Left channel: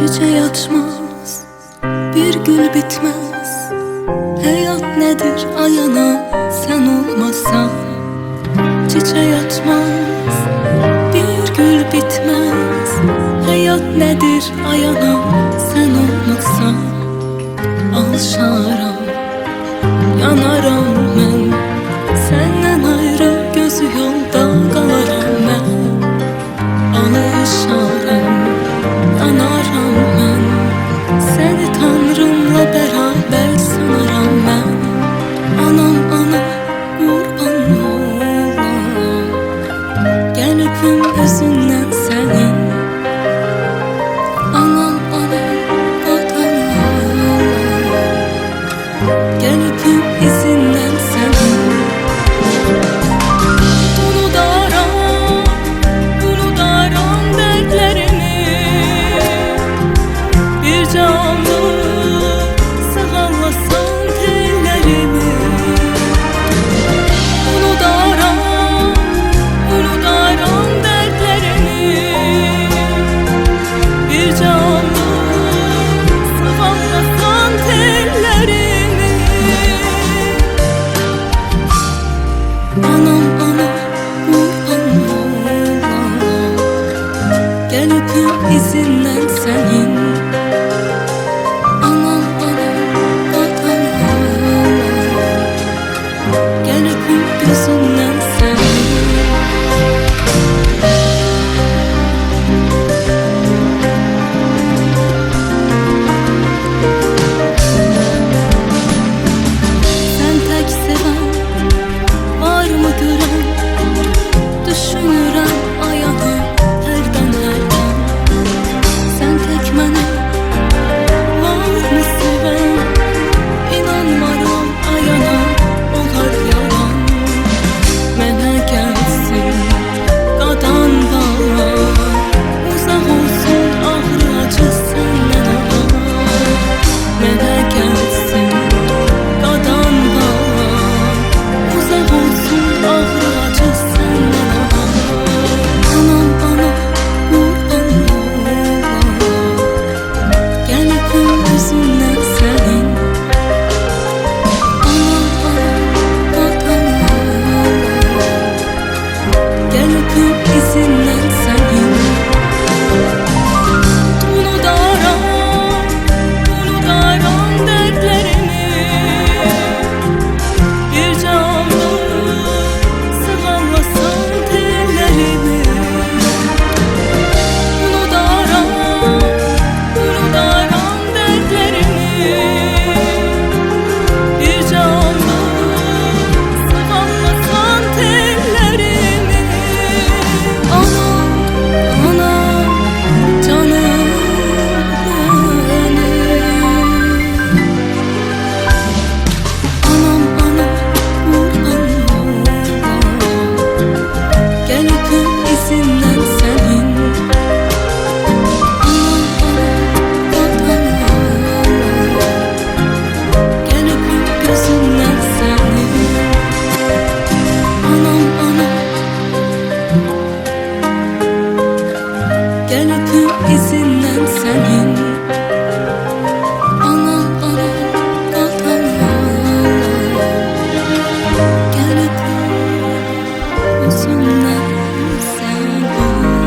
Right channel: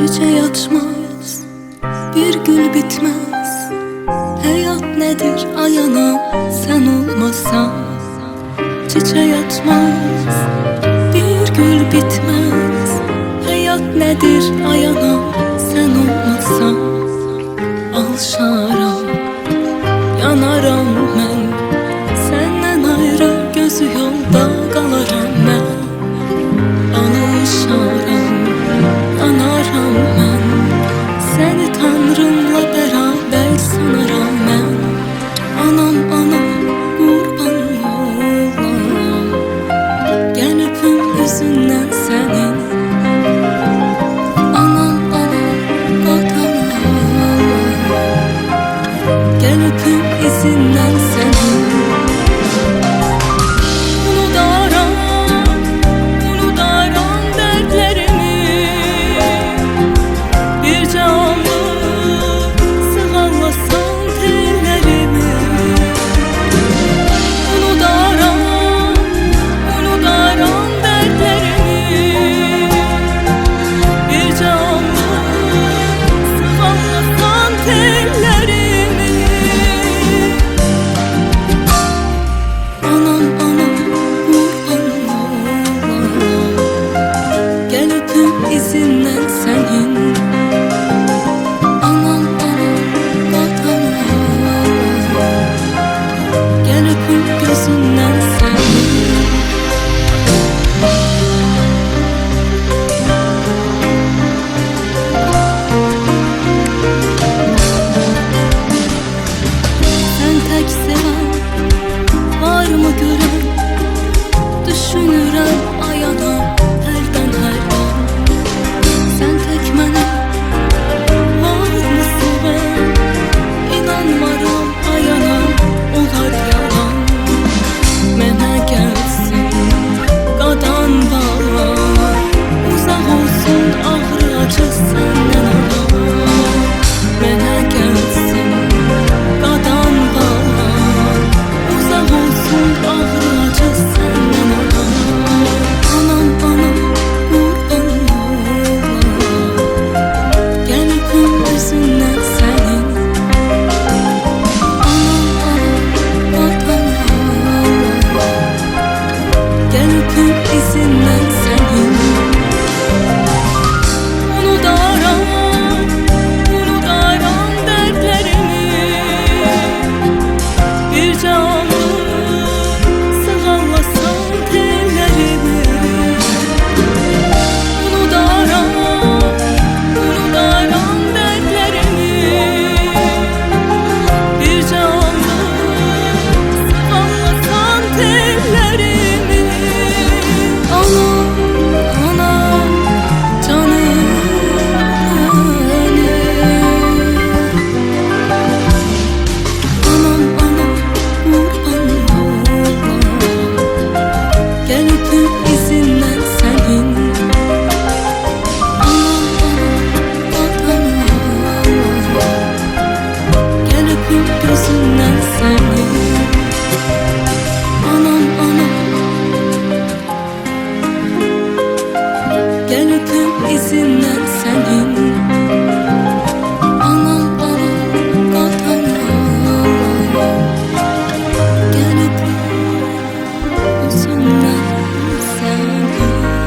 Çiçeği açmaz, bir gül bitmez. Hayat nedir ayanam sen olmasan? Çiçeği açmaz, bir gül bitmez. Hayat nedir ayanam sen olmasan? Alışaram, yanaram mən. Senden ayrı gözü yolda qalaram mən. Alışaram, yanaram mən. Seni Tanrımla beraber sanaram mən. Anam, anam, qurban olam. Gəl öpüm üzündən sənin. Anam, anam, qatan olam. Gəl öpüm izindən sənin. Unudaram dərdlərimi. Bir canlı sığallasan tellərimi. Unudaram dərdlərimi. Bir canlı sığallasan tellərimi. Anam, anam, qurban olam. Gəl öpüm izindən sənin. Anam, anam, qatan olam. Gəl öpüm gözündən sənin. Sən tək sevən varmı görən? Düşünürəm ayanam hərdən hərdən. Sən tək məni varmı sevən? İnanmaram ayanam olar yalan. Mənə gəlsin qadan bağlan. Uzaq olsun ağrı acı səndən alan. Mənə gəlsin qadan bağlan. Uzaq olsun ağrı acı səndən alan. Anam, anam, qurban olam. Gəl öpüm üzündən sənin. Anam, anam, qatan olam. Gəl öpüm izindən sənin. Unudaram dərdlərimi. Bir canlı sığallasan tellərimi. Unudaram dərdlərimi. Bir canlı sığallasan tellərimi. Anam, anam, canım benim. Anam, anam, qurban olam. Gəl öpüm izindən sənin. Anam, anam, qatan olam. Gəl öpüm gözündən sənin. Anam, anam, gəl öpüm izindən sənin. Anam, anam, qatan olam. Gəl öpüm üzündən sənin.